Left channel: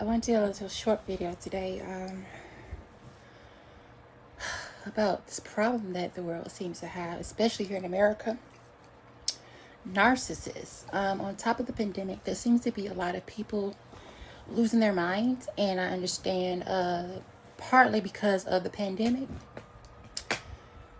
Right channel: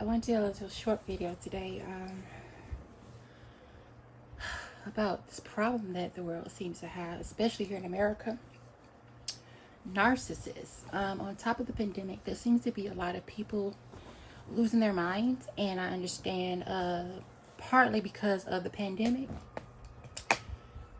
I want to do a little short video today about this problem that the world seems to have, especially here in America. Narcissists. On top of the pandemic, there seems to be a lot of people losing their minds, and I understand partly because of the pandemic.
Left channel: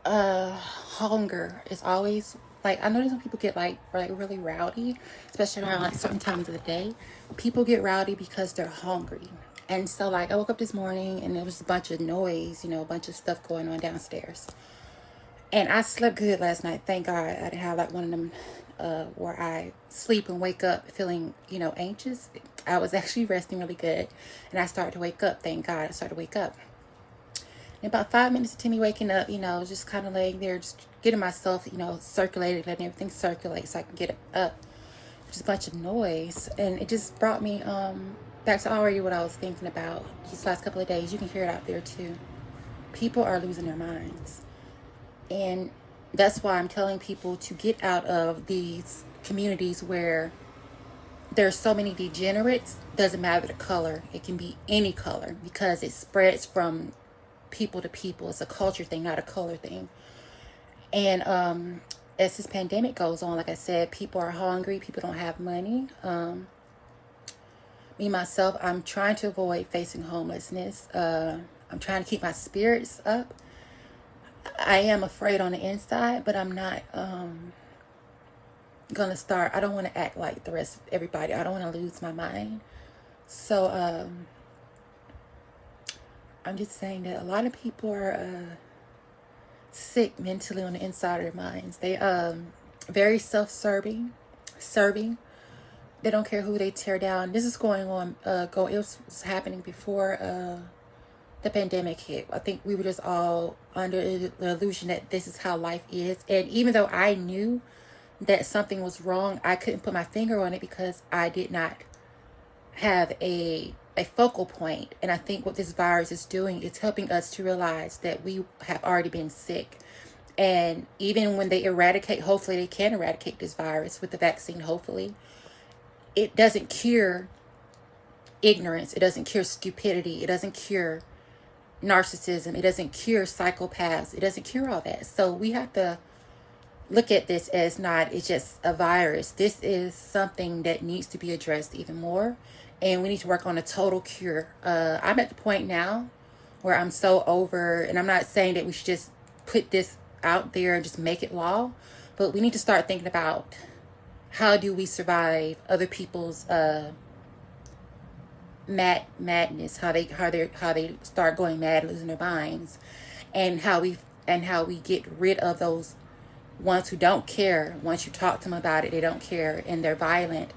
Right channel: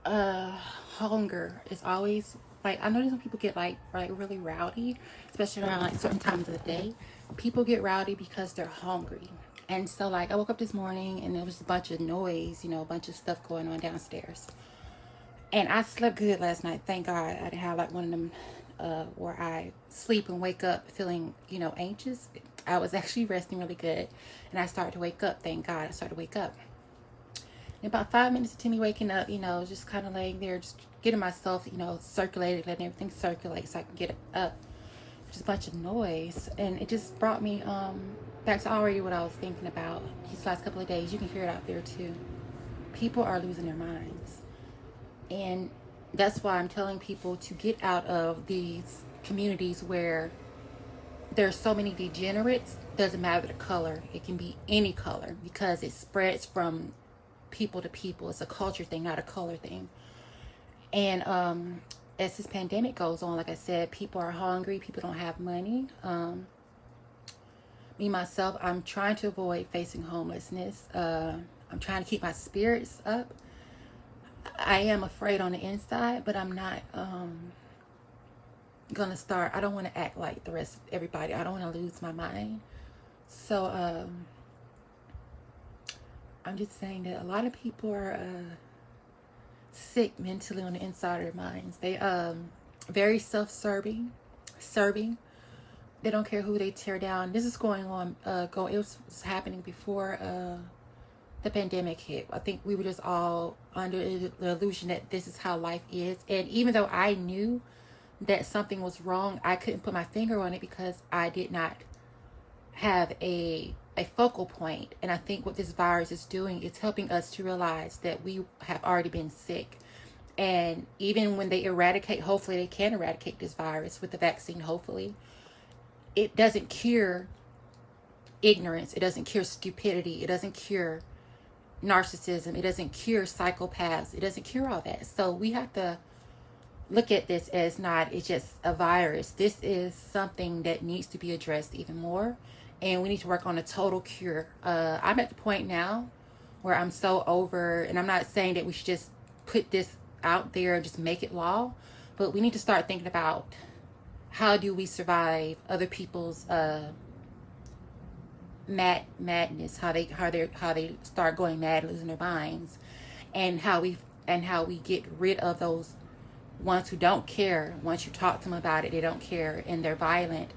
Hunger is always like, I notice when people get like really rowdy, especially around like certain times of the day. People get rowdy because they're hungry. And so like I woke up this morning and there was a bunch of noise, a bunch of stuff going on downstairs. And I slept good last night. Thank God I didn't have like one of them where I sleep and wake up feeling, anxious. I was actually resting really good. And I started to wake up. Thank God I started to wake up. In about 5 minutes to me waking up, just kind of laying there, just getting myself, circulated, letting everything circulate so I can get up. Just a bunch of noise. And it just brought me back to already what I was thinking about these last couple of days. You can hear it out there too. People are losing their minds. And that's why I'm telling people to get out of these communities where there's so many degenerates. Doesn't matter the color. It can be any color because it spreads from people to people. It's a culture thing, not a color thing. And as this pandemic goes on, like I said, people are hungry. People don't have money. Me, myself, I'm trying to avoid facing homelessness. I'm trying to keep my spirits up. I am afraid on the inside, but I'm not gonna start. I don't want to act like the rest of everybody. I don't want to lose my mind. So I'm just saying that a lot of people are sick mentally on the inside of their minds. They very self-serving, serving. They don't care who they tear down. This is going on. It was happening before the pandemic hit. I think we were just all under the illusion that this is how life is. And even though I knew that something was wrong, I couldn't put my finger on it because I did not have a focal point. And I think what this virus is doing is helping us to realize that we have already been sick. And even when they eradicate, hopefully they can eradicate this virus with the vaccine, hopefully, it doesn't cure ignorance. It doesn't cure stupidity. It doesn't cure narcissism. It doesn't cure psychopaths. It doesn't cure all that. So we have to look at this as not, it's just a virus. This is something that needs to be addressed even more. And we need to work on a total cure. I'm at the point now where I'm so over, and I'm not saying that we should just put this out there and just make it law, but we need to start thinking about how do we survive other people's madness, how they start going mad, losing their minds, and how we get rid of those ones who don't care. Once you talk to them about it, they don't care and they're violent.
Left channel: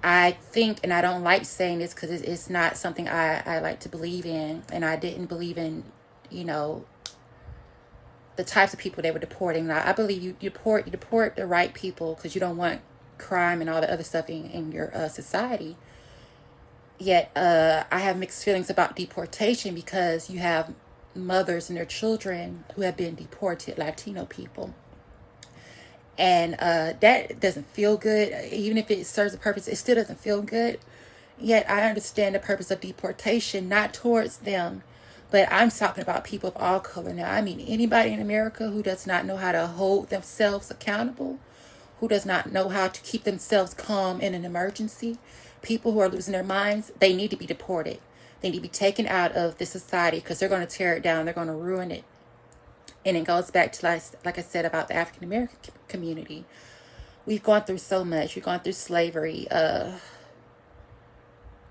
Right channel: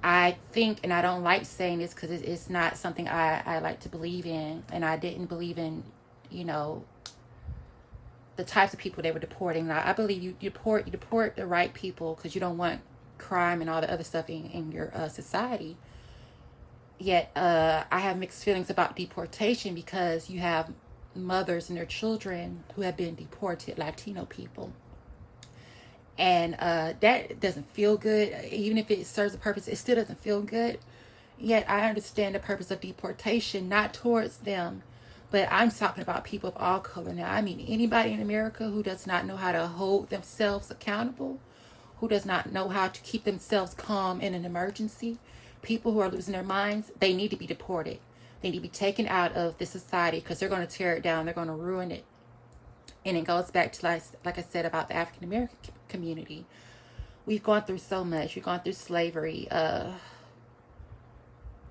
I think, and I don't like saying this because it's not something I like to believe in, and I didn't believe in, the types of people they were deporting. Now, I believe you deport the right people because you don't want crime and all the other stuff in your society. Yet I have mixed feelings about deportation because you have mothers and their children who have been deported, Latino people. And that doesn't feel good. Even if it serves a purpose, it still doesn't feel good. Yet I understand the purpose of deportation, not towards them, but I'm talking about people of all color now. I mean, anybody in America who does not know how to hold themselves accountable, who does not know how to keep themselves calm in an emergency, people who are losing their minds, they need to be deported. They need to be taken out of this society because they're going to tear it down. They're going to ruin it. And it goes back to, like I said, about the African American community. We've gone through so much. We've gone through slavery.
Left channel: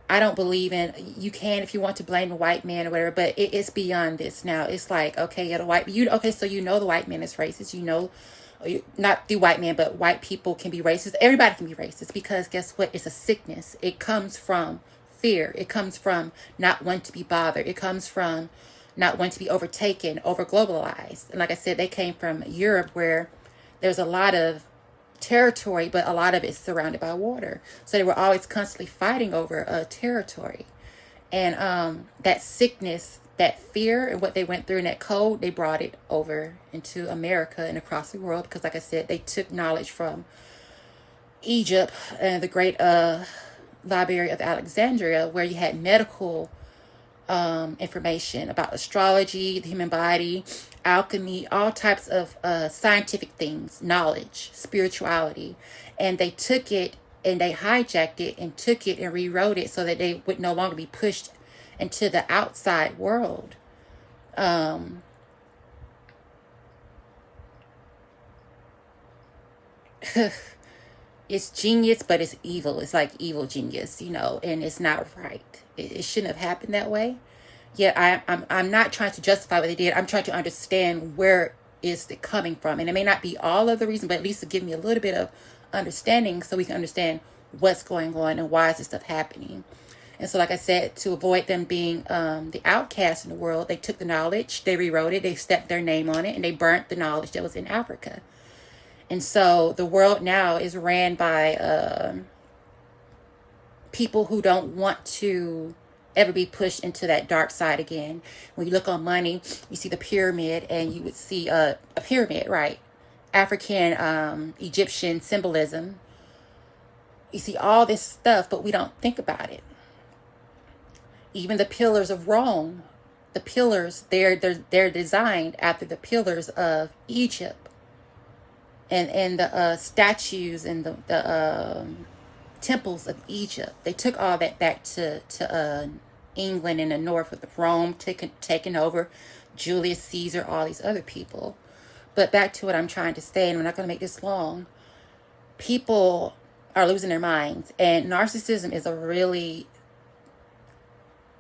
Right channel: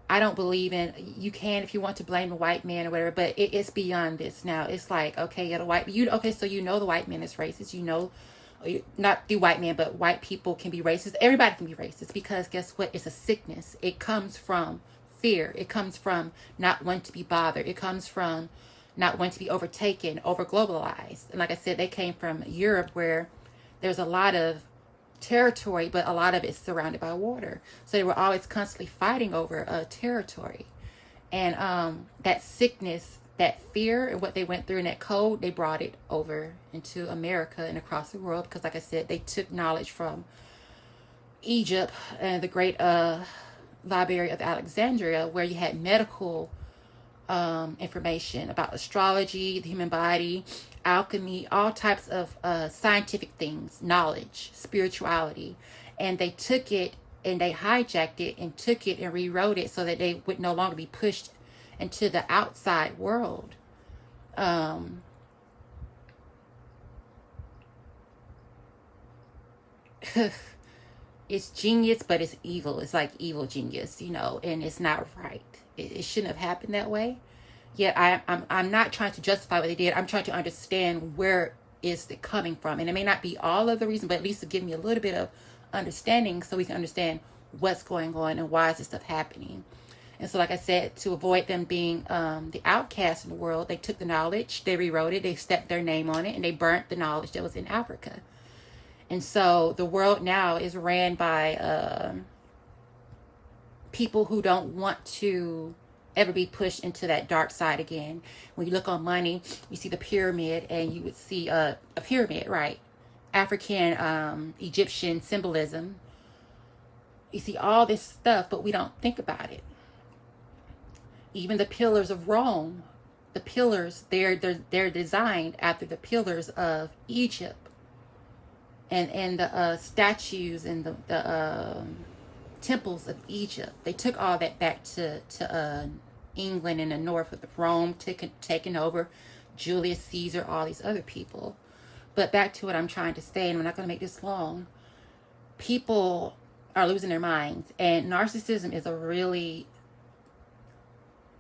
I don't believe in, you can if you want to blame the white man or whatever, but it's beyond this now. It's like, okay, so the white man is racist. Not the white man, but white people can be racist. Everybody can be racist because guess what? It's a sickness. It comes from fear. It comes from not wanting to be bothered. It comes from not wanting to be overtaken, over globalized. And like I said, they came from Europe where there's a lot of territory, but a lot of it's surrounded by water. So they were always constantly fighting over territory. And that sickness, that fear, and what they went through in that cold, they brought it over into America and across the world. Because like I said, they took knowledge from Egypt and the Library of Alexandria, where you had medical information about astrology, the human body, alchemy, all types of scientific things, knowledge, spirituality. And they took it and they hijacked it and took it and rewrote it so that they would no longer be pushed into the outside world. It's genius, but it's evil. It's like evil genius, you know, and it's not right. It shouldn't have happened that way. Yet I'm not trying to justify what they did. I'm trying to understand where is it coming from. And it may not be all of the reason, but at least to give me a little bit of understanding so we can understand what's going on and why is this stuff happening. And so, like I said, to avoid them being the outcasts in the world, they took the knowledge, they rewrote it, they stepped their name on it, and they burnt the knowledge that was in Africa. And so the world now is ran by people who don't want to ever be pushed into that dark side again. When you look on money, you see the pyramid, and you would see a pyramid, right? African, Egyptian symbolism. You see all this stuff, but we don't think about it. Even the pillars of Rome, the pillars, they're designed after the pillars of Egypt. And the statues and the temples of Egypt. They took all that back to England in the north with Rome taking over, Julius Caesar, all these other people. But back to what I'm trying to say, and we're not going to make this long. People are losing their minds, and narcissism is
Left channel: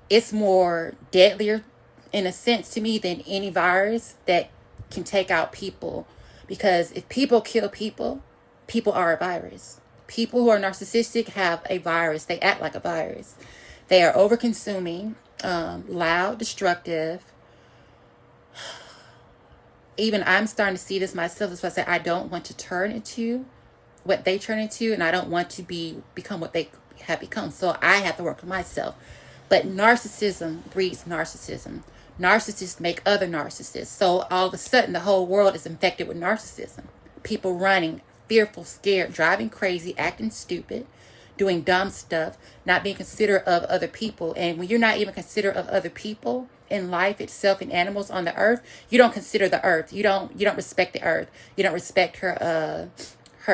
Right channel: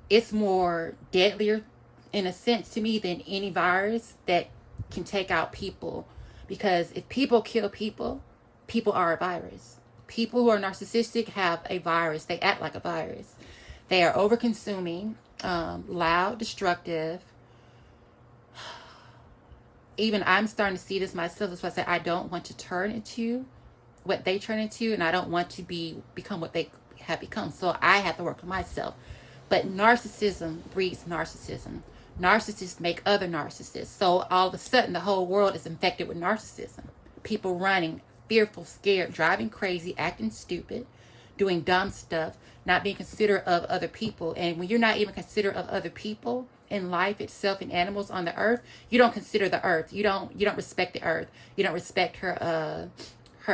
it's more deadlier in a sense to me than any virus that can take out people. Because if people kill people, people are a virus. People who are narcissistic have a virus. They act like a virus. They are over-consuming, loud, destructive. Even I'm starting to see this myself. That's why I say I don't want to turn into what they turn into, and I don't want to become what they have become. So I have to work on myself. But narcissism breeds narcissism. Narcissists make other narcissists. So all of a sudden, the whole world is infected with narcissism. People running, fearful, scared, driving crazy, acting stupid, doing dumb stuff, not being considerate of other people. And when you're not even considerate of other people in life itself and animals on the earth, you don't consider the earth. You don't respect the earth. You don't respect her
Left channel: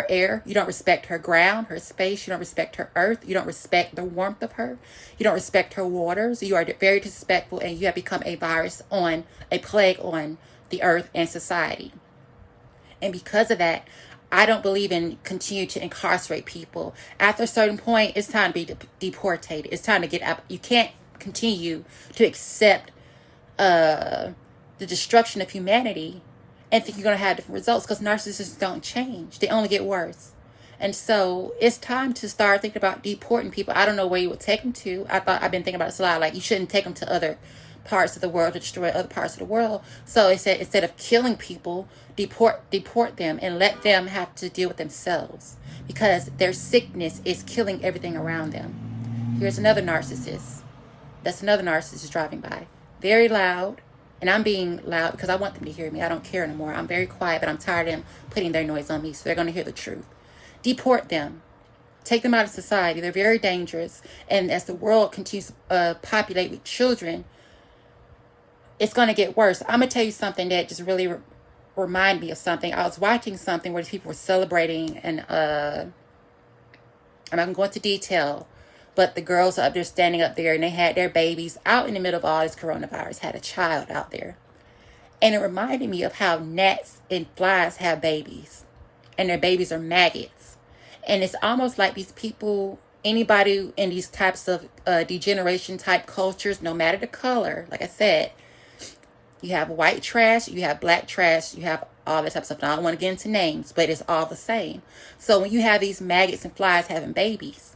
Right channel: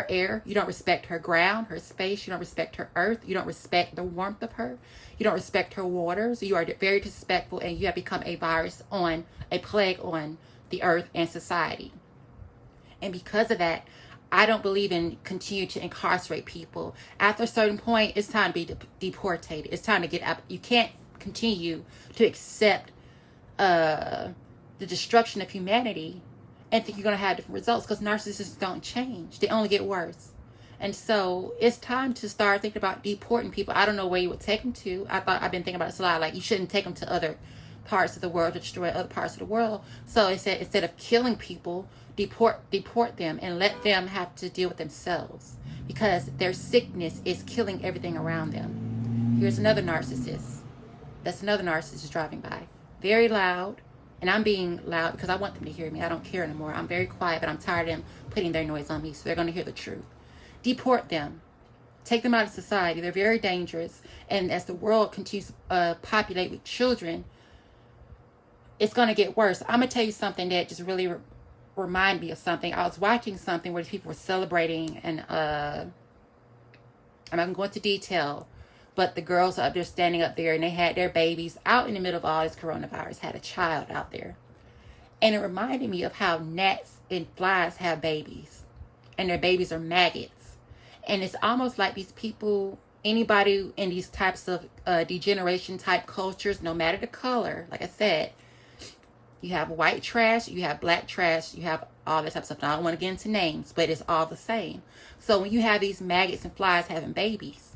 air. You don't respect her ground, her space. You don't respect her earth. You don't respect the warmth of her. You don't respect her waters. You are very disrespectful, and you have become a plague on the earth and society. And because of that, I don't believe in continue to incarcerate people. After a certain point, it's time to be deported. It's time to get out. You can't continue to accept the destruction of humanity and think you're going to have different results, because narcissists don't change. They only get worse. And so it's time to start thinking about deporting people. I don't know where you would take them to. I've been thinking about this a lot. Like, you shouldn't take them to other parts of the world to destroy other parts of the world. So it said, instead of killing people, deport them and let them have to deal with themselves, because their sickness is killing everything around them. Here's another narcissist. That's another narcissist driving by. Very loud. And I'm being loud because I want them to hear me. I don't care anymore. I'm very quiet, but I'm tired of them putting their noise on me. So they're going to hear the truth. Deport them. Take them out of society. They're very dangerous. And as the world continues to populate with children, it's going to get worse. I'm going to tell you something that just really reminded me of something. I was watching something where people were celebrating, and I'm not going to go into detail, but the girls are up there standing up there, and they had their babies out in the middle of all this coronavirus, had a child out there. And it reminded me of how gnats and flies have babies, and their babies are maggots. And it's almost like these people, anybody in these types of degeneration type cultures, no matter the color, like I said, you have white trash, you have black trash, you have all that type of stuff. Now, I don't want to get into names, but it's all the same. So when you have these maggots and flies having babies,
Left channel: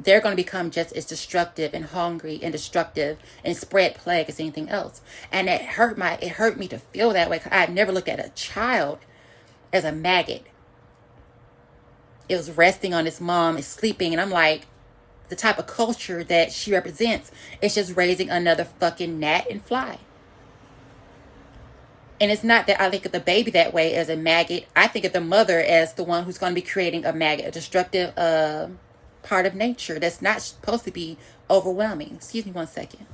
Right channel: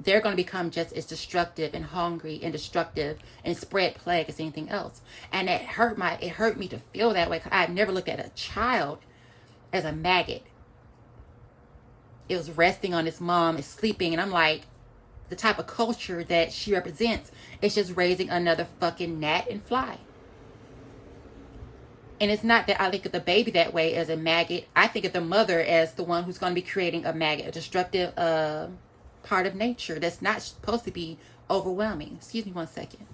they're going to become just as destructive and hungry and destructive and spread plague as anything else. And it hurt me to feel that way, because I had never looked at a child as a maggot. It was resting on its mom, it's sleeping, and I'm like, the type of culture that she represents is just raising another fucking gnat and fly. And it's not that I think of the baby that way as a maggot. I think of the mother as the one who's going to be creating a maggot, a destructive part of nature that's not supposed to be overwhelming. Excuse me 1 second.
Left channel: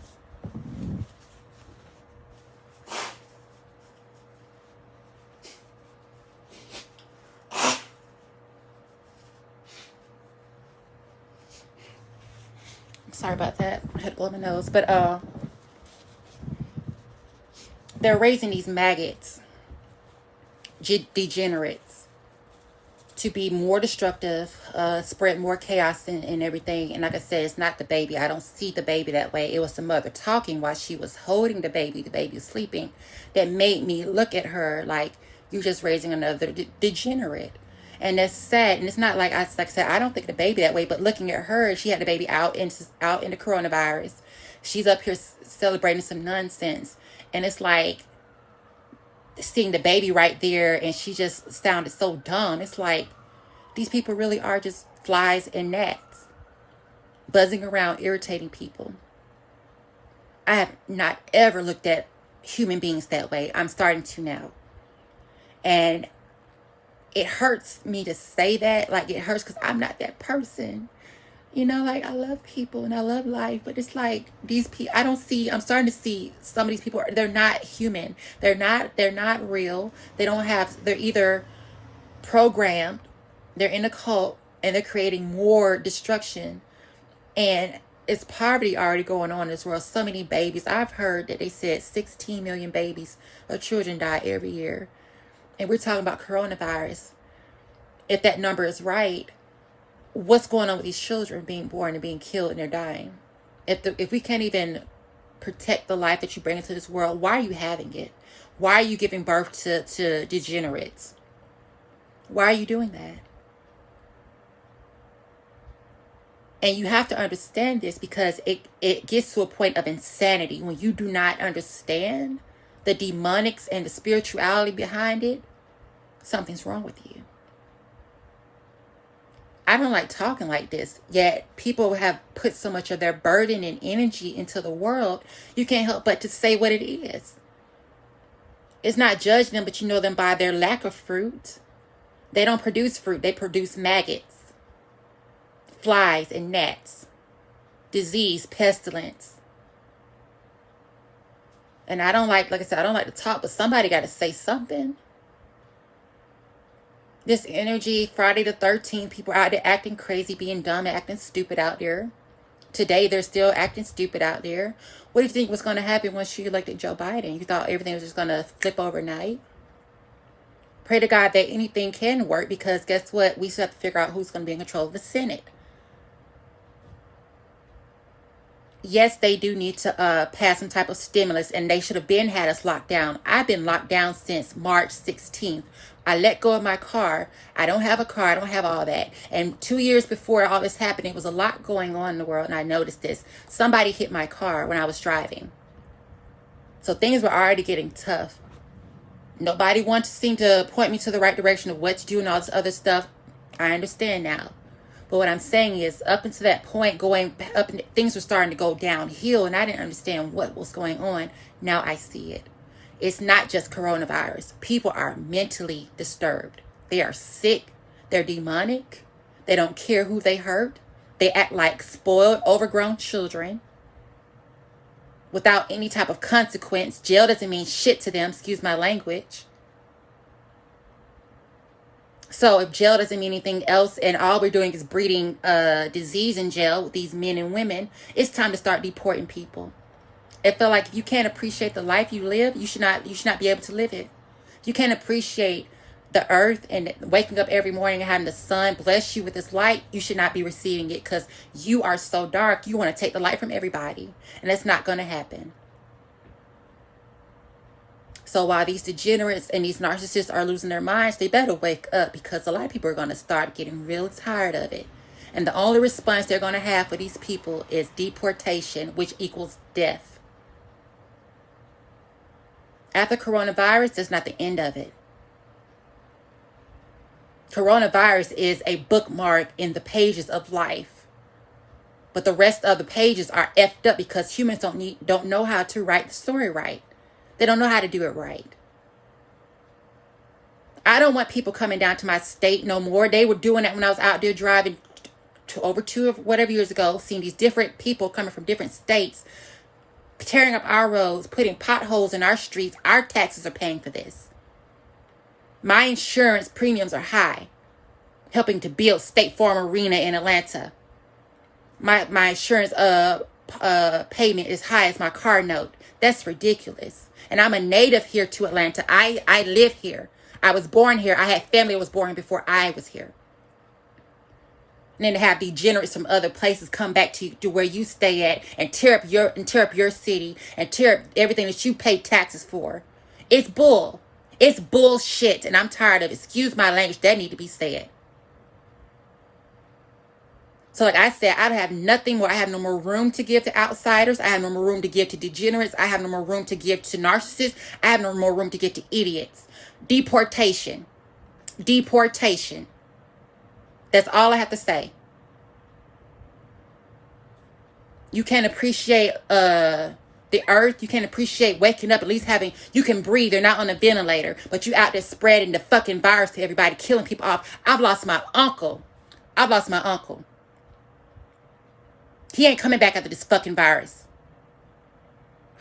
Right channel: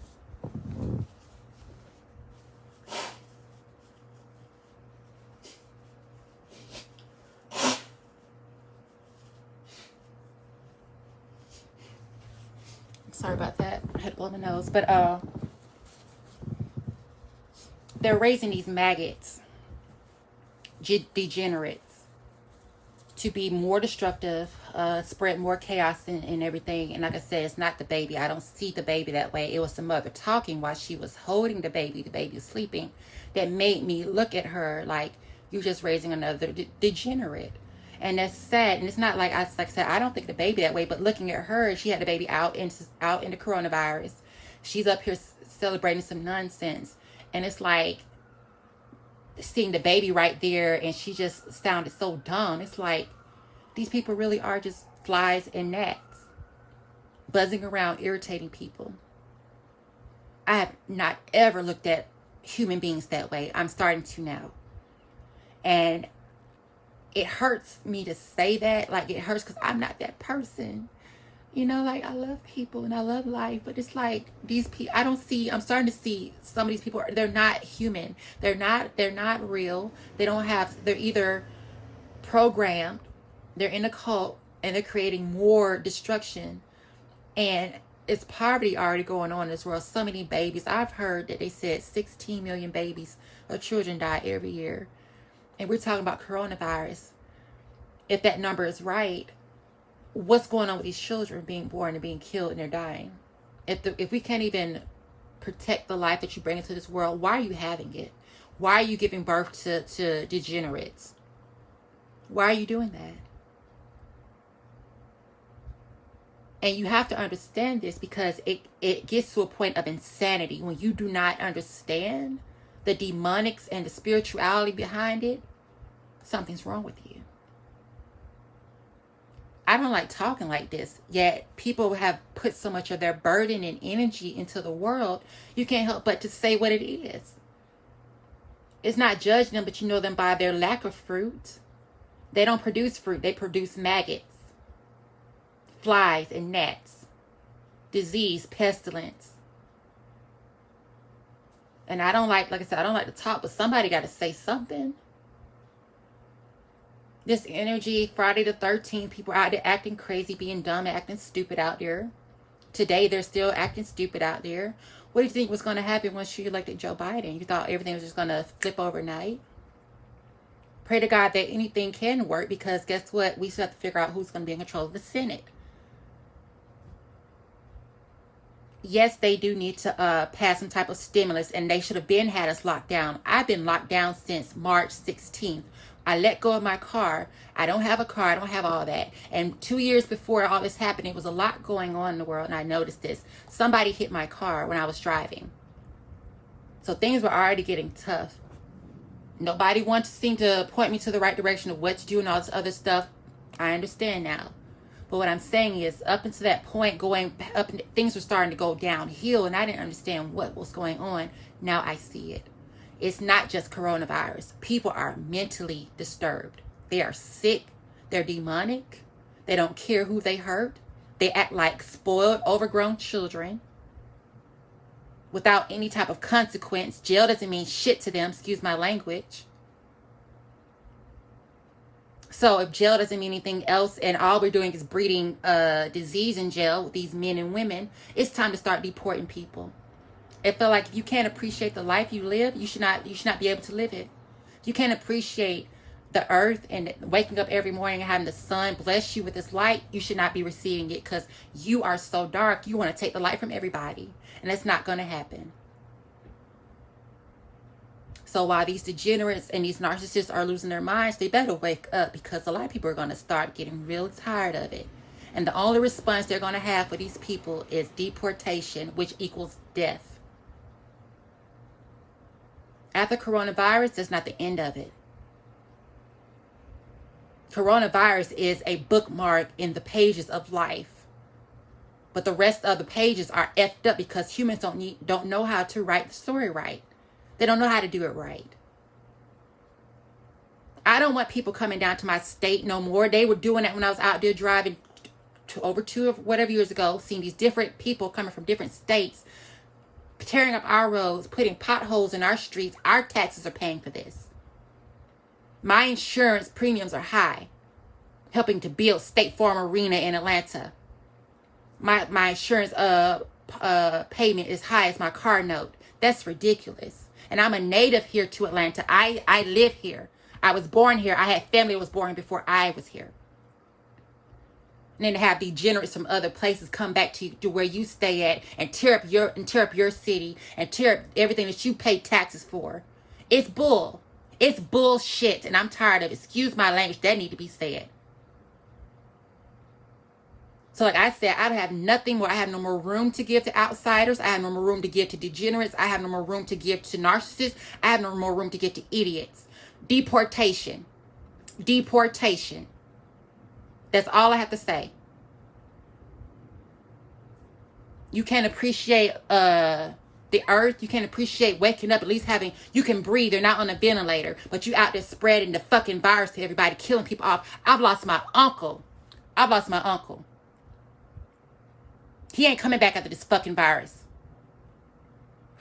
Sorry about that. I had to blow my nose. But they're raising these maggots, degenerates, to be more destructive, spread more chaos and everything. And like I said, it's not the baby. I don't see the baby that way. It was the mother talking while she was holding the baby. The baby was sleeping. That made me look at her like, you're just raising another degenerate. And that's sad. And it's not like I said, I don't think the baby that way, but looking at her, she had the baby out in the coronavirus. She's up here celebrating some nonsense. And it's like seeing the baby right there, and she just sounded so dumb. It's like these people really are just flies and gnats buzzing around, irritating people. I have not ever looked at human beings that way. I'm starting to now. And it hurts me to say that. Like, it hurts because I'm not that person. You know, like, I love people and I love life, but it's like these people, I'm starting to see some of these people, they're not human. They're not real. They're either programmed, they're in a cult, and they're creating more destruction. And it's poverty already going on in this world. So many babies. I've heard that they said 16 million babies or children die every year. And we're talking about coronavirus. If that number is right, what's going on with these children being born and being killed and they're dying? If we can't even protect the life that you bring into this world, why are you having it? Why are you giving birth to degenerates? Why are you doing that? And you have to understand this, because it gets to a point of insanity when you do not understand the demonics and the spirituality behind it. Something's wrong with you. I don't like talking like this, yet people have put so much of their burden and energy into the world, you can't help but to say what it is. It's not judging them, but you know them by their lack of fruit. They don't produce fruit, they produce maggots, flies and gnats, disease, pestilence. And I don't like I said, I don't like to talk, but somebody got to say something. This energy, Friday the 13th, people are out there acting crazy, being dumb, acting stupid out there. Today, they're still acting stupid out there. What do you think was going to happen once you elected Joe Biden? You thought everything was just going to flip overnight? Pray to God that anything can work, because guess what? We still have to figure out who's going to be in control of the Senate. Yes, they do need to pass some type of stimulus, and they should have had us locked down. I've been locked down since March 16th. I let go of my car. I don't have a car. I don't have all that. And 2 years before all this happened, there was a lot going on in the world, and I noticed this. Somebody hit my car when I was driving. So things were already getting tough. Nobody wanted to seem to point me to the right direction of what to do and all this other stuff. I understand now. But what I'm saying is, up until that point, going up, things were starting to go downhill, and I didn't understand what was going on. Now I see it. It's not just coronavirus. People are mentally disturbed. They are sick. They're demonic. They don't care who they hurt. They act like spoiled, overgrown children without any type of consequence. Jail doesn't mean shit to them, excuse my language. So if jail doesn't mean anything else, and all we're doing is breeding disease in jail with these men and women, it's time to start deporting people. It felt like if you can't appreciate the life you live, you should not be able to live it. If you can't appreciate the earth and waking up every morning and having the sun bless you with its light, you should not be receiving it, because you are so dark. You want to take the light from everybody, and that's not going to happen. So while these degenerates and these narcissists are losing their minds, they better wake up, because a lot of people are going to start getting really tired of it. And the only response they're going to have for these people is deportation, which equals death. After coronavirus, that's not the end of it. Coronavirus is a bookmark in the pages of life. But the rest of the pages are effed up, because humans don't know how to write the story right. They don't know how to do it right. I don't want people coming down to my state no more. They were doing that when I was out there driving over two or whatever years ago, seeing these different people coming from different states, tearing up our roads, putting potholes in our streets. Our taxes are paying for this. My insurance premiums are high, helping to build State Farm Arena in Atlanta. My insurance payment is high as my car note. That's ridiculous. And I'm a native here to Atlanta. I live here. I was born here. I had family that was born here before I was here. And then to have degenerates from other places come back to where you stay at and tear up your city and tear up everything that you pay taxes for. It's bull. It's bullshit. And I'm tired of it. Excuse my language. That need to be said. So like I said, I don't have nothing more. I have no more room to give to outsiders. I have no more room to give to degenerates. I have no more room to give to narcissists. I have no more room to give to idiots. Deportation. Deportation. That's all I have to say. You can't appreciate the earth. You can't appreciate waking up, at least you can breathe. You're not on a ventilator, but you out there spreading the fucking virus to everybody, killing people off. I've lost my uncle. He ain't coming back after this fucking virus.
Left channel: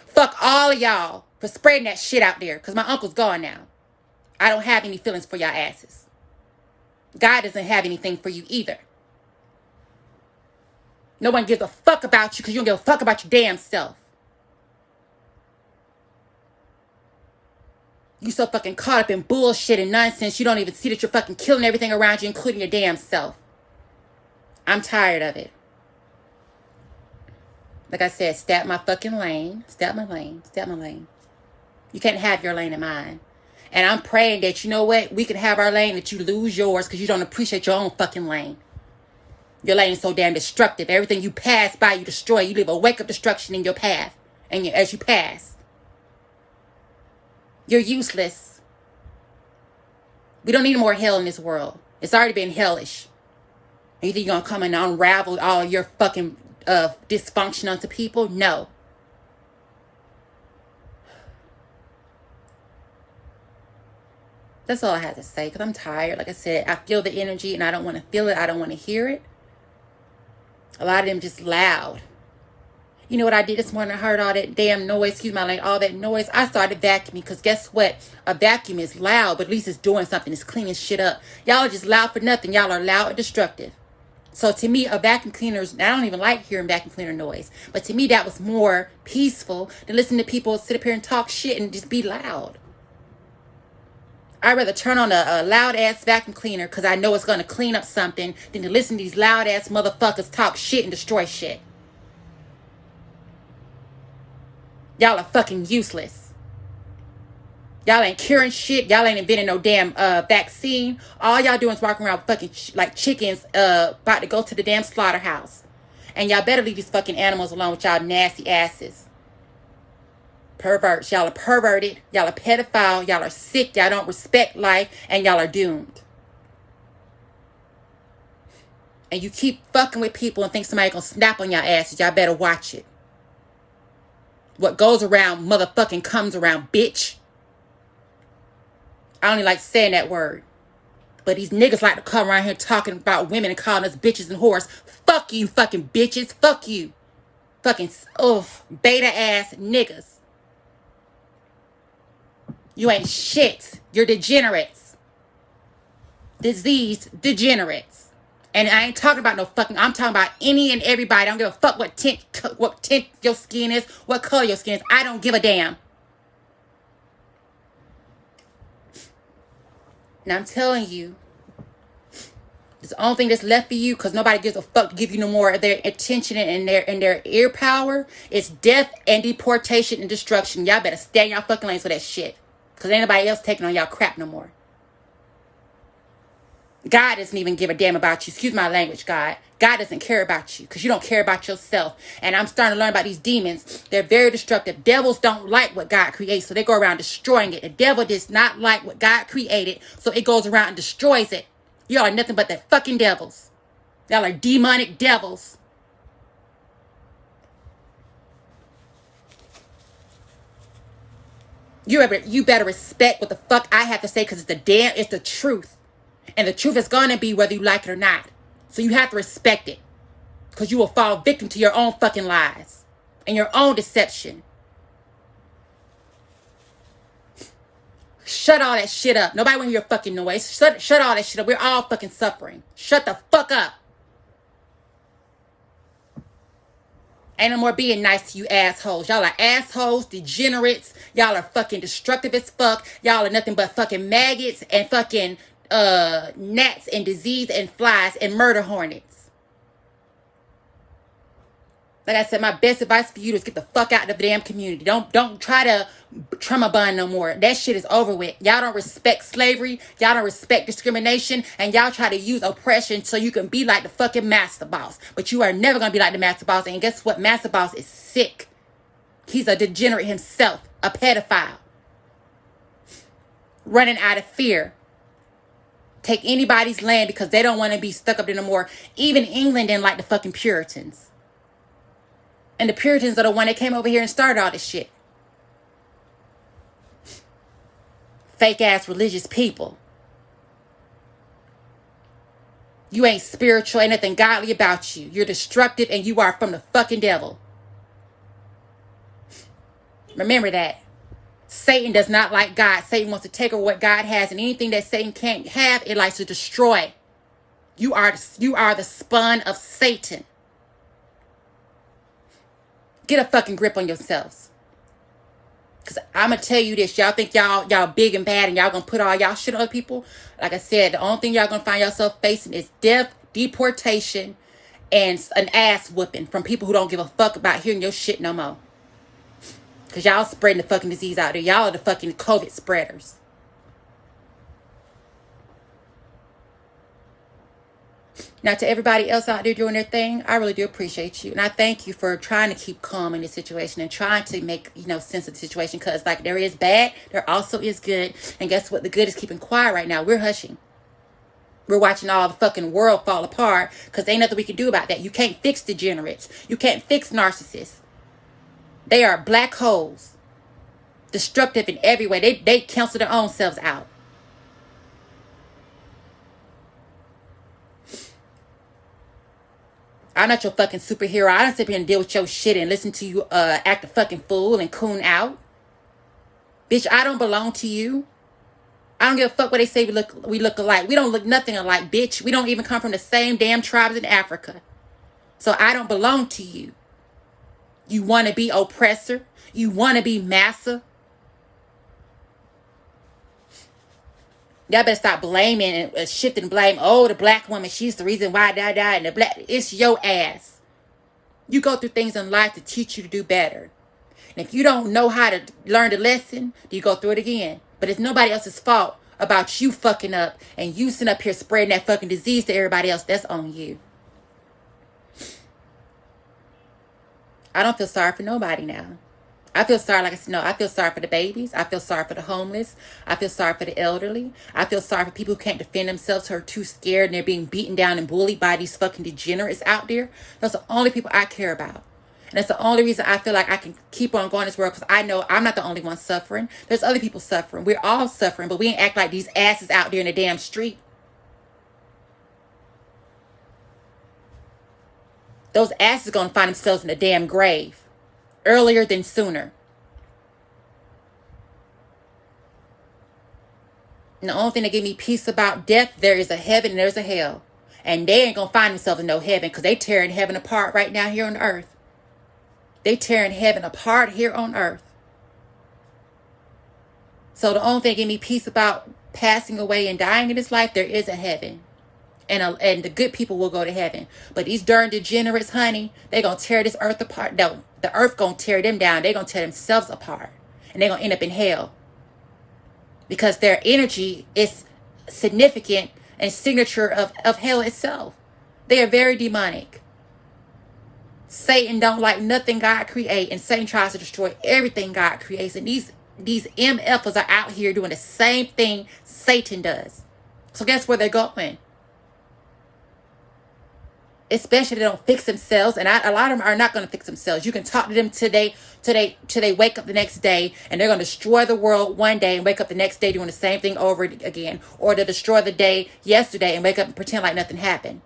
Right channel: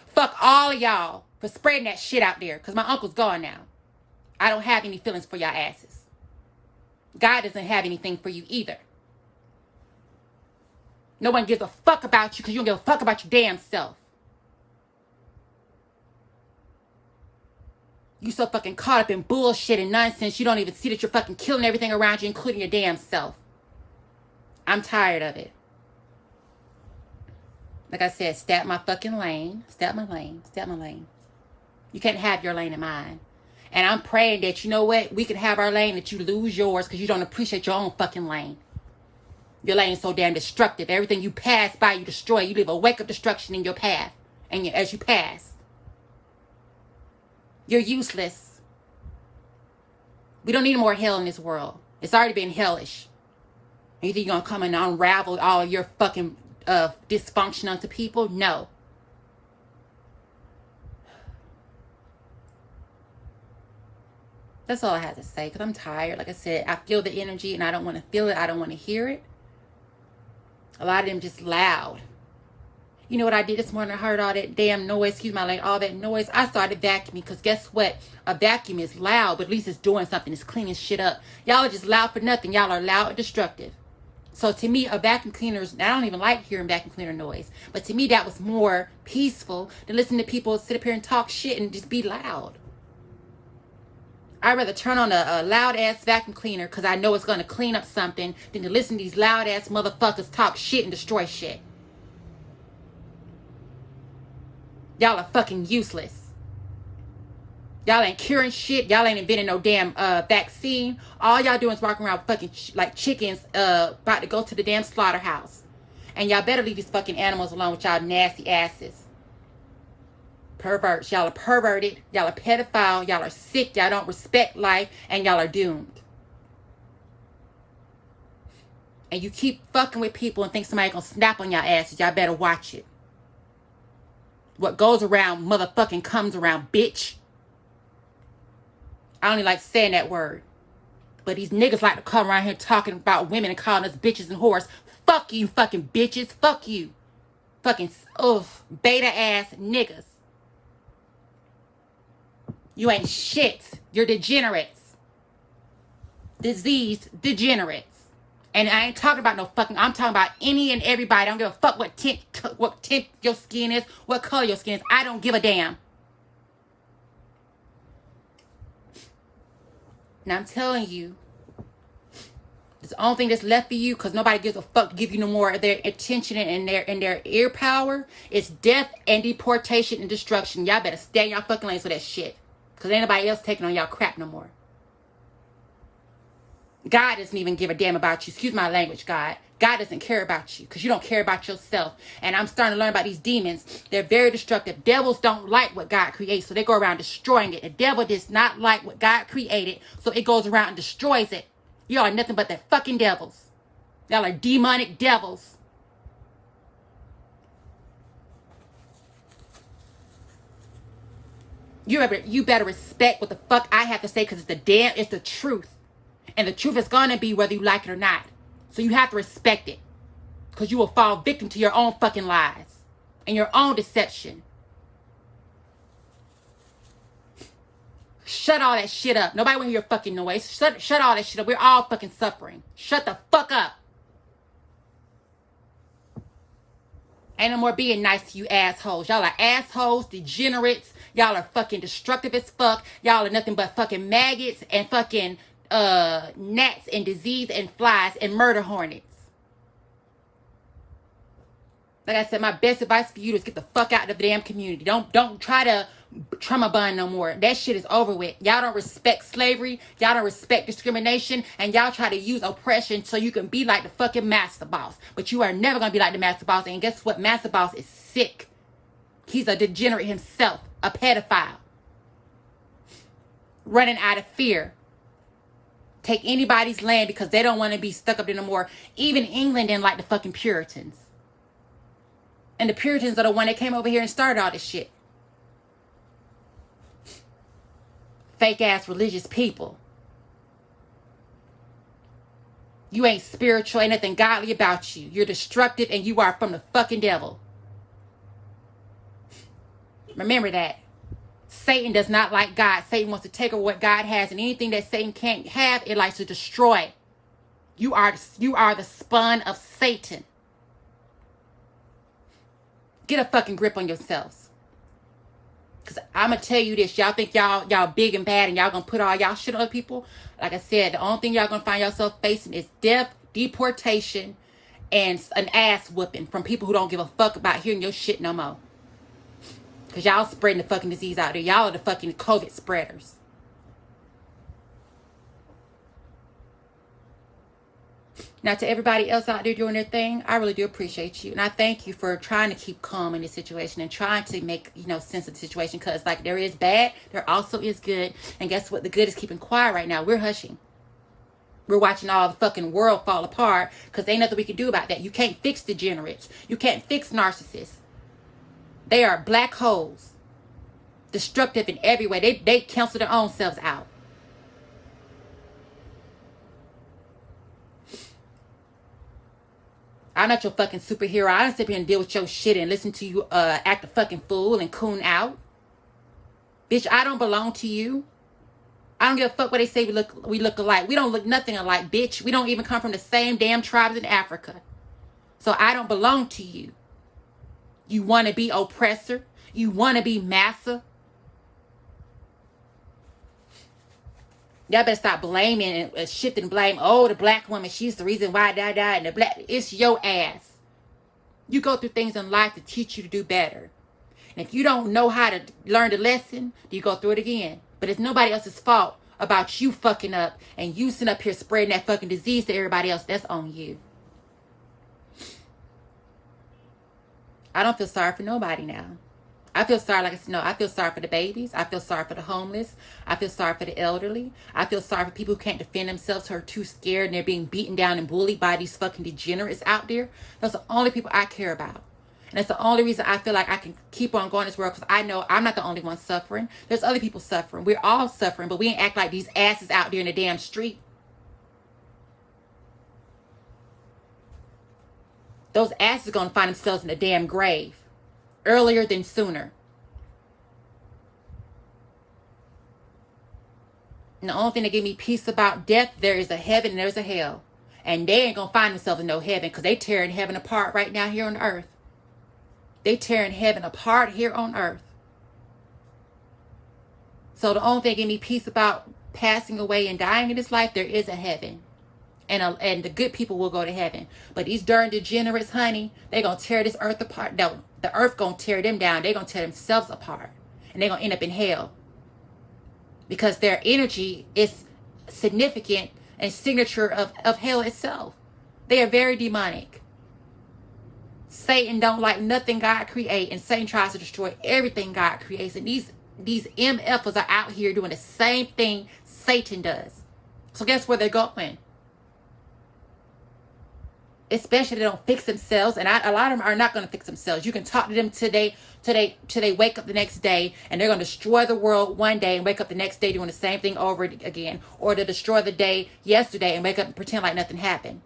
Fuck all of y'all for spreading that shit out there, because my uncle's gone now. I don't have any feelings for y'all asses. God doesn't have anything for you either. No one gives a fuck about you because you don't give a fuck about your damn self. You so fucking caught up in bullshit and nonsense, you don't even see that you're fucking killing everything around you, including your damn self. I'm tired of it. Like I said, stay out my fucking lane. Stay out my lane. Stay out my lane. You can't have your lane in mine. And I'm praying that, you know what, we can have our lane, that you lose yours because you don't appreciate your own fucking lane. Your lane is so damn destructive. Everything you pass by, you destroy. You leave a wake of destruction in your path. And as you pass. You're useless. We don't need more hell in this world. It's already been hellish. And you think you're going to come and unravel all your fucking dysfunction onto people? No. That's all I had to say, because I'm tired. Like I said, I feel the energy and I don't want to feel it. I don't want to hear it. A lot of them just loud. You know what I did this morning? I heard all that damn noise, excuse my language, all that noise. I started vacuuming, because guess what? A vacuum is loud, but at least it's doing something. It's cleaning shit up. Y'all are just loud for nothing. Y'all are loud and destructive. So to me, a vacuum cleaner, I don't even like hearing vacuum cleaner noise. But to me, that was more peaceful than listening to people sit up here and talk shit and just be loud. I'd rather turn on a loud-ass vacuum cleaner because I know it's going to clean up something than to listen to these loud-ass motherfuckers talk shit and destroy shit. Y'all are fucking useless. Y'all ain't curing shit. Y'all ain't inventing no damn vaccine. All y'all doing is walking around fucking like chickens about to go to the damn slaughterhouse. And y'all better leave these fucking animals alone with y'all nasty asses. Perverts. Y'all are perverted. Y'all are pedophile. Y'all are sick. Y'all don't respect life. And y'all are doomed. And you keep fucking with people and think somebody gonna snap on y'all asses. Y'all better watch it. What goes around motherfucking comes around, bitch. I don't even like saying that word. But these niggas like to come around here talking about women and calling us bitches and whores. Fuck you, fucking bitches. Fuck you. Fucking, beta ass niggas. You ain't shit. You're degenerates. Diseased degenerates. And I ain't talking about no fucking, I'm talking about any and everybody. I don't give a fuck what tint your skin is, what color your skin is. I don't give a damn. Now I'm telling you, it's the only thing that's left for you, because nobody gives a fuck to give you no more of their attention and their ear power. It's death and deportation and destruction. Y'all better stay in y'all fucking lanes for that shit. Because ain't nobody else taking on y'all crap no more. God doesn't even give a damn about you. Excuse my language, God. God doesn't care about you because you don't care about yourself. And I'm starting to learn about these demons. They're very destructive. Devils don't like what God creates, so they go around destroying it. The devil does not like what God created, so it goes around and destroys it. Y'all are nothing but the fucking devils. Y'all are demonic devils. You better respect what the fuck I have to say, because it's the truth. And the truth is going to be whether you like it or not. So you have to respect it. Because you will fall victim to your own fucking lies. And your own deception. Shut all that shit up. Nobody want to hear your fucking noise. Shut all that shit up. We're all fucking suffering. Shut the fuck up. Ain't no more being nice to you assholes. Y'all are assholes, degenerates. Y'all are fucking destructive as fuck. Y'all are nothing but fucking maggots and fucking gnats and disease and flies and murder hornets. Like I said, my best advice for you is get the fuck out of the damn community. Don't try to trauma bond no more. That shit is over with. Y'all don't respect slavery. Y'all don't respect discrimination. And y'all try to use oppression so you can be like the fucking master boss. But you are never going to be like the master boss. And guess what? Master boss is sick. He's a degenerate himself. A pedophile. Running out of fear. Take anybody's land because they don't want to be stuck up there no more. Even England didn't like the fucking Puritans. And the Puritans are the one that came over here and started all this shit. Fake ass religious people. You ain't spiritual, ain't nothing godly about you. You're destructive and you are from the fucking devil. Remember that. Satan does not like God. Satan wants to take over what God has, and anything that Satan can't have, it likes to destroy. You are the spawn of Satan. Get a fucking grip on yourselves. Because I'm going to tell you this. Y'all think y'all big and bad and y'all going to put all y'all shit on other people. Like I said, the only thing y'all going to find yourself facing is death, deportation, and an ass whooping from people who don't give a fuck about hearing your shit no more. Because y'all spreading the fucking disease out there. Y'all are the fucking COVID spreaders. Now, to everybody else out there doing their thing, I really do appreciate you. And I thank you for trying to keep calm in this situation and trying to make, sense of the situation. Because, like, there is bad, there also is good. And guess what? The good is keeping quiet right now. We're hushing. We're watching all the fucking world fall apart because ain't nothing we can do about that. You can't fix degenerates. You can't fix narcissists. They are black holes. Destructive in every way. They cancel their own selves out. I'm not your fucking superhero. I don't sit here and deal with your shit and listen to you act a fucking fool and coon out. Bitch, I don't belong to you. I don't give a fuck what they say we look alike. We don't look nothing alike, bitch. We don't even come from the same damn tribes in Africa. So I don't belong to you. You want to be oppressor? You want to be massa? Y'all better stop blaming and shifting blame. Oh, the black woman, she's the reason why I died. And the black, it's your ass. You go through things in life to teach you to do better. And if you don't know how to learn the lesson, you go through it again. But it's nobody else's fault about you fucking up and you sitting up here spreading that fucking disease to everybody else. That's on you. I don't feel sorry for nobody now. I feel sorry, like I said, no, I feel sorry for the babies. I feel sorry for the homeless. I feel sorry for the elderly. I feel sorry for people who can't defend themselves, who are too scared and they're being beaten down and bullied by these fucking degenerates out there. Those are the only people I care about. And that's the only reason I feel like I can keep on going in this world, because I know I'm not the only one suffering. There's other people suffering. We're all suffering, but we ain't act like these asses out there in the damn street. Those asses are going to find themselves in the damn grave. Earlier than sooner. And the only thing that give me peace about death, there is a heaven and there's a hell. And they ain't going to find themselves in no heaven, because they tearing heaven apart right now here on earth. They tearing heaven apart here on earth. So the only thing that give me peace about passing away and dying in this life, there is a heaven. And the good people will go to heaven. But these darn degenerates, honey, they going to tear this earth apart. No, the earth going to tear them down. They going to tear themselves apart. And they going to end up in hell. Because their energy is significant and signature of hell itself. They are very demonic. Satan don't like nothing God create. And Satan tries to destroy everything God creates. And these MFers are out here doing the same thing Satan does. So guess where they're going? Especially they don't fix themselves, and a lot of them are not going to fix themselves. You can talk to them today till they wake up the next day, and they're going to destroy the world one day and wake up the next day doing the same thing over again, or to destroy the day yesterday and wake up and pretend like nothing happened.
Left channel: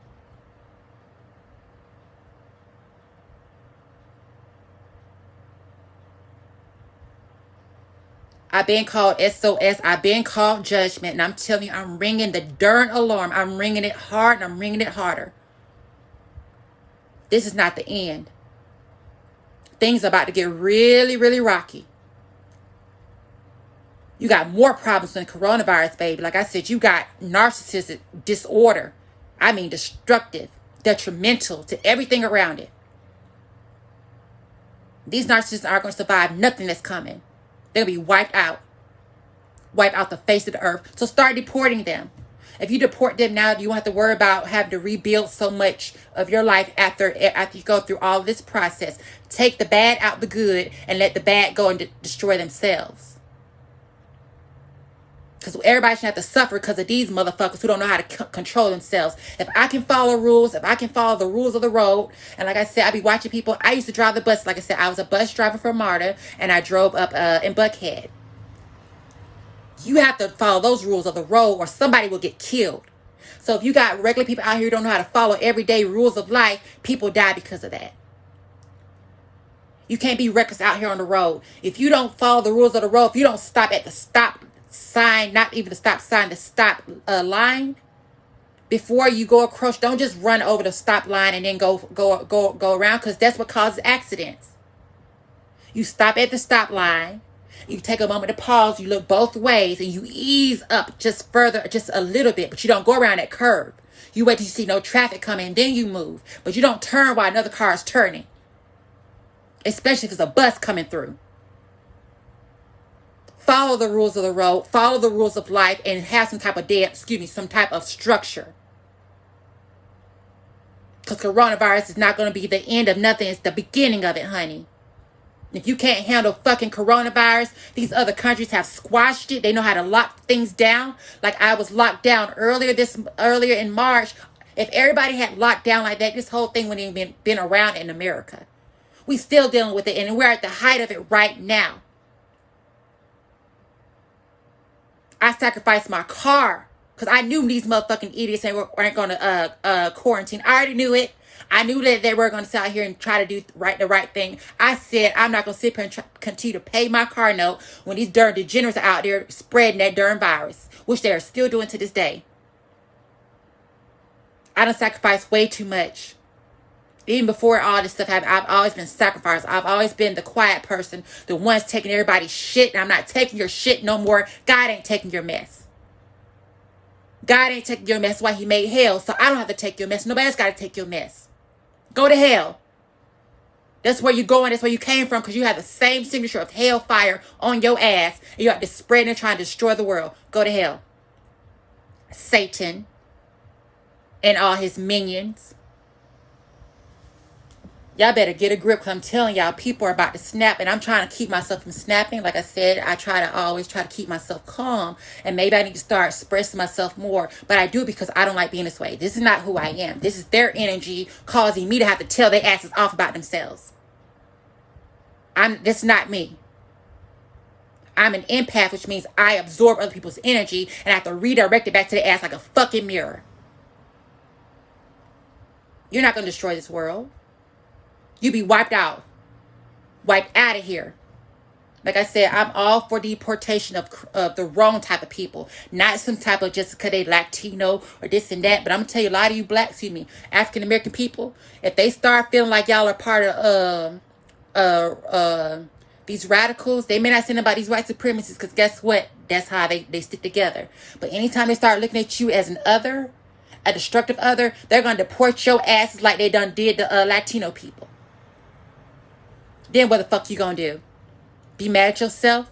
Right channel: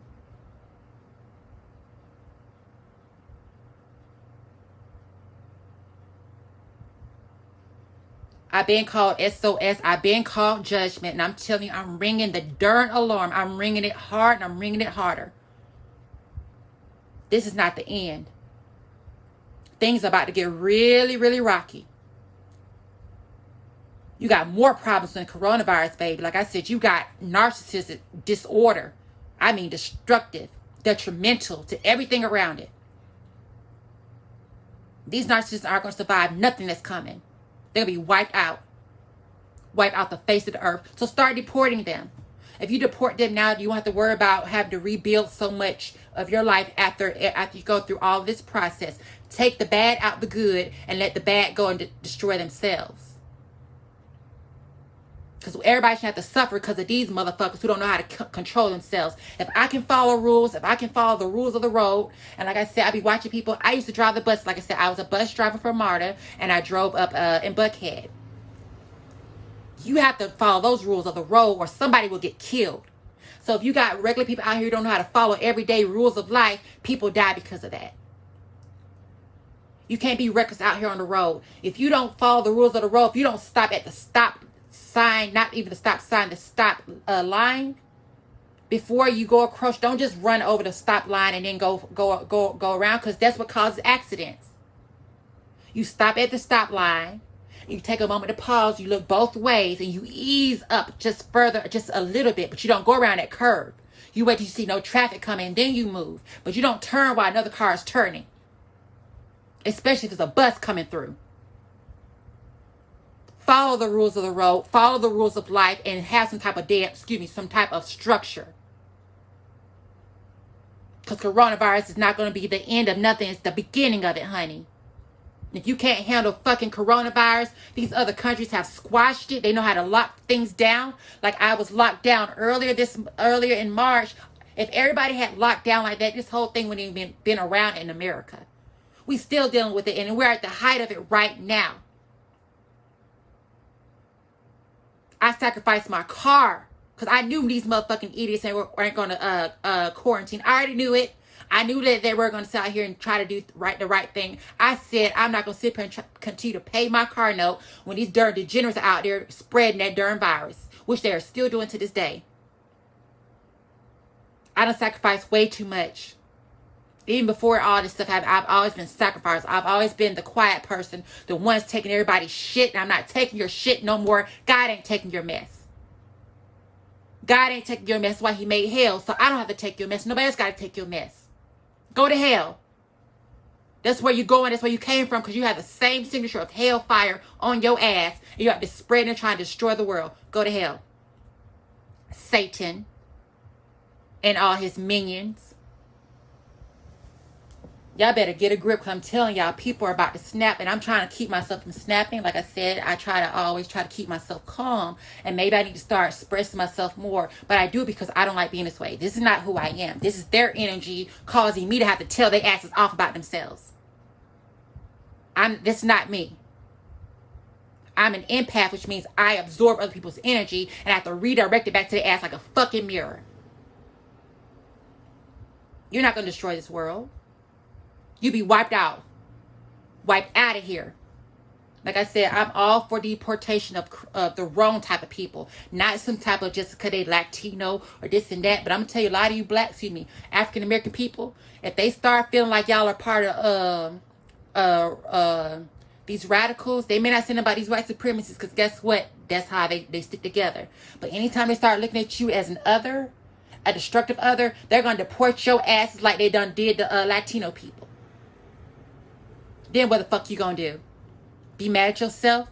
I've been called SOS. I've been called judgment. And I'm telling you, I'm ringing the darn alarm. I'm ringing it hard and I'm ringing it harder. This is not the end. Things are about to get really, really rocky. You got more problems than coronavirus, baby. Like I said, you got narcissistic disorder. I mean, destructive, detrimental to everything around it. These narcissists aren't going to survive nothing that's coming. They're going to be wiped out the face of the earth. So start deporting them. If you deport them now, you won't have to worry about having to rebuild so much of your life after you go through all of this process. Take the bad out the good and let the bad go and destroy themselves. Because everybody should have to suffer because of these motherfuckers who don't know how to control themselves. If I can follow rules, if I can follow the rules of the road, and like I said, I be watching people. I used to drive the bus. Like I said, I was a bus driver for MARTA, and I drove up in Buckhead. You have to follow those rules of the road or somebody will get killed. So if you got regular people out here who don't know how to follow everyday rules of life, people die because of that. You can't be reckless out here on the road. If you don't follow the rules of the road, if you don't stop at the stop sign, not even the stop sign, the stop line, before you go across, don't just run over the stop line and then go around, because that's what causes accidents. You stop at the stop line. You take a moment to pause, you look both ways, and you ease up just further, just a little bit, but you don't go around that curve. You wait till you see no traffic coming, and then you move. But you don't turn while another car is turning, especially if there's a bus coming through. Follow the rules of the road, follow the rules of life, and have some type of structure. Because coronavirus is not going to be the end of nothing, it's the beginning of it, honey. If you can't handle fucking coronavirus, these other countries have squashed it. They know how to lock things down. Like I was locked down earlier in March. If everybody had locked down like that, this whole thing wouldn't even been around in America. We still dealing with it, and we're at the height of it right now. I sacrificed my car because I knew these motherfucking idiots weren't going to quarantine. I already knew it. I knew that they were going to sit out here and try to do the right thing. I said, I'm not going to sit here and continue to pay my car note when these darn degenerates are out there spreading that darn virus, which they are still doing to this day. I done sacrificed way too much. Even before all this stuff happened, I've always been sacrificed. I've always been the quiet person, the ones taking everybody's shit, and I'm not taking your shit no more. God ain't taking your mess. God ain't taking your mess. That's why he made hell, so I don't have to take your mess. Nobody else got to take your mess. Go to hell. That's where you're going. That's where you came from, because you have the same signature of hellfire on your ass. And you're out there spreading and trying to destroy the world. Go to hell. Satan and all his minions. Y'all better get a grip, because I'm telling y'all, people are about to snap, and I'm trying to keep myself from snapping. Like I said, I always try to keep myself calm, and maybe I need to start expressing myself more, but I do it because I don't like being this way. This is not who I am. This is their energy causing me to have to tell their asses off about themselves. This is not me. I'm an empath, which means I absorb other people's energy, and I have to redirect it back to their ass like a fucking mirror. You're not going to destroy this world. You be wiped out of here. Like I said, I'm all for deportation of the wrong type of people, not some type of just because they Latino or this and that. But I'm gonna tell you, a lot of you African American people, if they start feeling like y'all are part of these radicals, they may not say about these white supremacists, because guess what? That's how they stick together. But anytime they start looking at you as an other, a destructive other, they're gonna deport your asses like they done did the Latino people. Then what the fuck you gonna do? Be mad at yourself?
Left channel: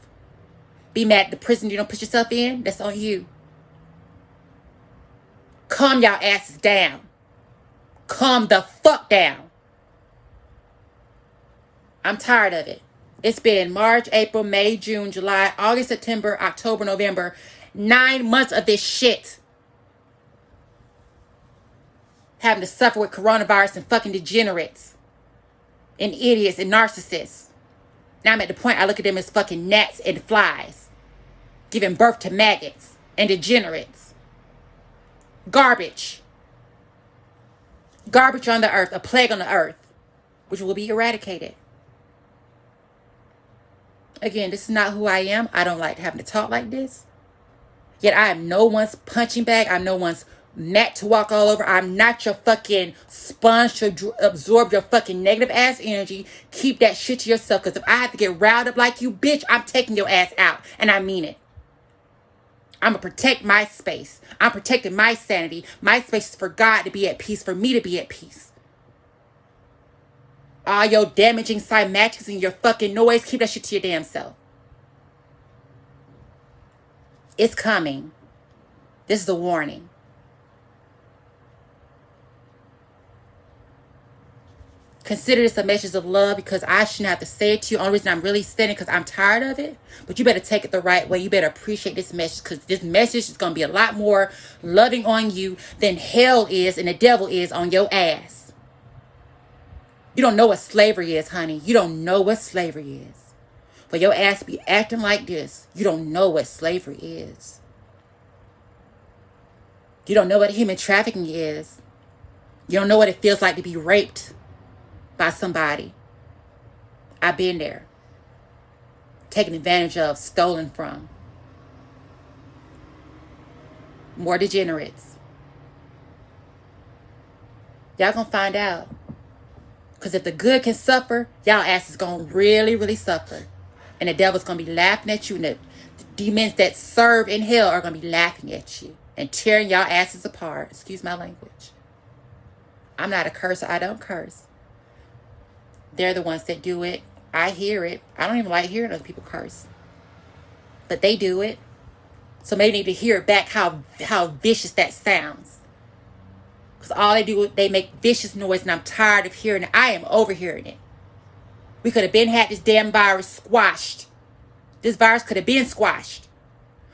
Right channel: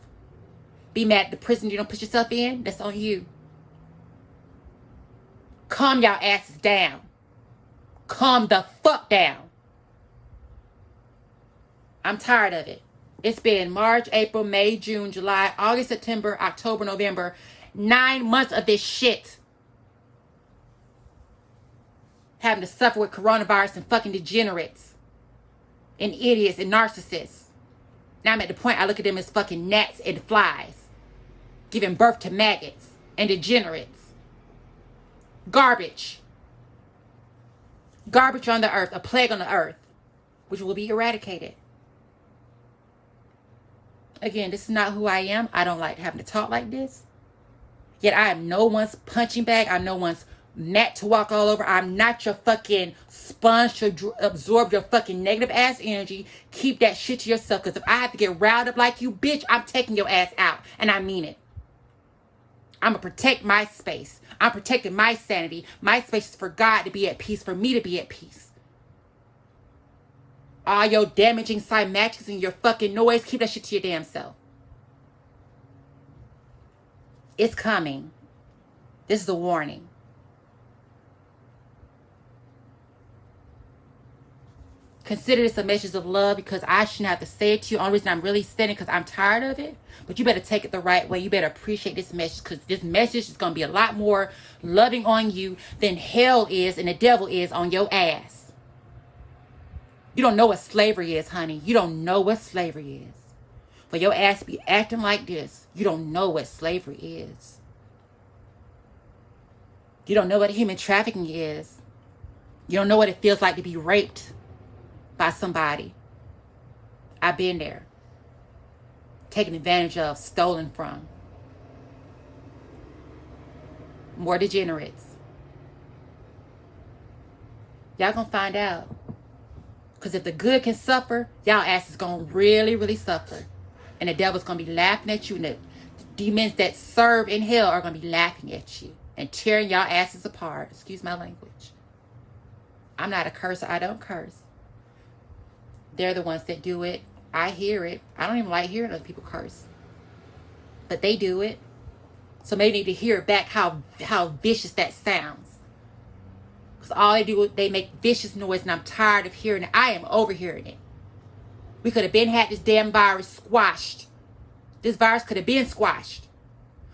Be mad at the prison you don't put yourself in? That's on you. Calm y'all asses down. Calm the fuck down. I'm tired of it. It's been March, April, May, June, July, August, September, October, November. 9 months of this shit. Having to suffer with coronavirus and fucking degenerates. And idiots and narcissists. Now I'm at the point I look at them as fucking gnats and flies. Giving birth to maggots and degenerates. Garbage. Garbage on the earth. A plague on the earth. Which will be eradicated. Again, this is not who I am. I don't like having to talk like this. Yet I am no one's punching bag. I'm no one's mat to walk all over. I'm not your fucking sponge to absorb your fucking negative ass energy. Keep that shit to yourself. Because if I have to get riled up like you, bitch, I'm taking your ass out. And I mean it. I'm going to protect my space. I'm protecting my sanity. My space is for God to be at peace, for me to be at peace. All your damaging cymatics and your fucking noise, keep that shit to your damn self. It's coming. This is a warning. Consider this a message of love, because I shouldn't have to say it to you. Only reason I'm really saying it because I'm tired of it. But you better take it the right way. You better appreciate this message, because this message is going to be a lot more loving on you than hell is and the devil is on your ass. You don't know what slavery is, honey. You don't know what slavery is. For your ass to be acting like this, you don't know what slavery is. You don't know what human trafficking is. You don't know what it feels like to be raped by somebody. I've been there. Taken advantage of, stolen from. More degenerates. Y'all gonna find out. Because if the good can suffer, y'all ass is gonna really, really suffer. And the devil's gonna be laughing at you. And the demons that serve in hell are gonna be laughing at you and tearing y'all asses apart. Excuse my language. I'm not a cursor. I don't curse. They're the ones that do it. I hear it. I don't even like hearing other people curse. But they do it. So maybe need to hear back how vicious that sounds. Because all they do is they make vicious noise, and I'm tired of hearing it. I am overhearing it. We could have been had this damn virus squashed. This virus could have been squashed.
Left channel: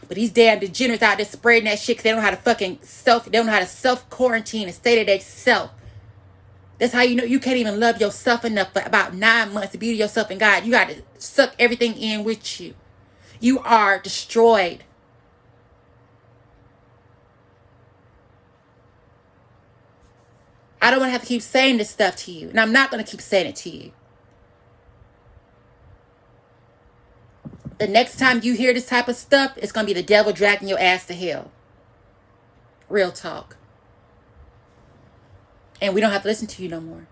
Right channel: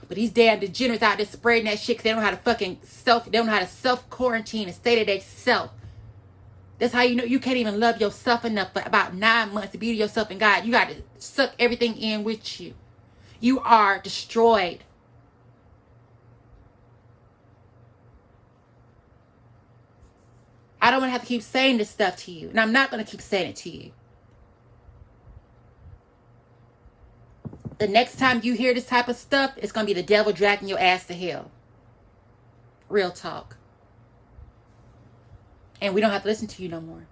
But these damn degenerates out there spreading that shit because they don't know how to they don't know how to self-quarantine and stay to their self. That's how you know you can't even love yourself enough for about 9 months to be to yourself and God. You got to suck everything in with you. You are destroyed. I don't want to have to keep saying this stuff to you. And I'm not going to keep saying it to you. The next time you hear this type of stuff, it's going to be the devil dragging your ass to hell. Real talk. And we don't have to listen to you no more.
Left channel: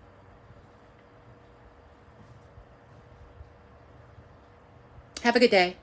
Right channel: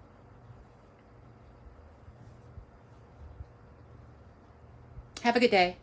Have a good day.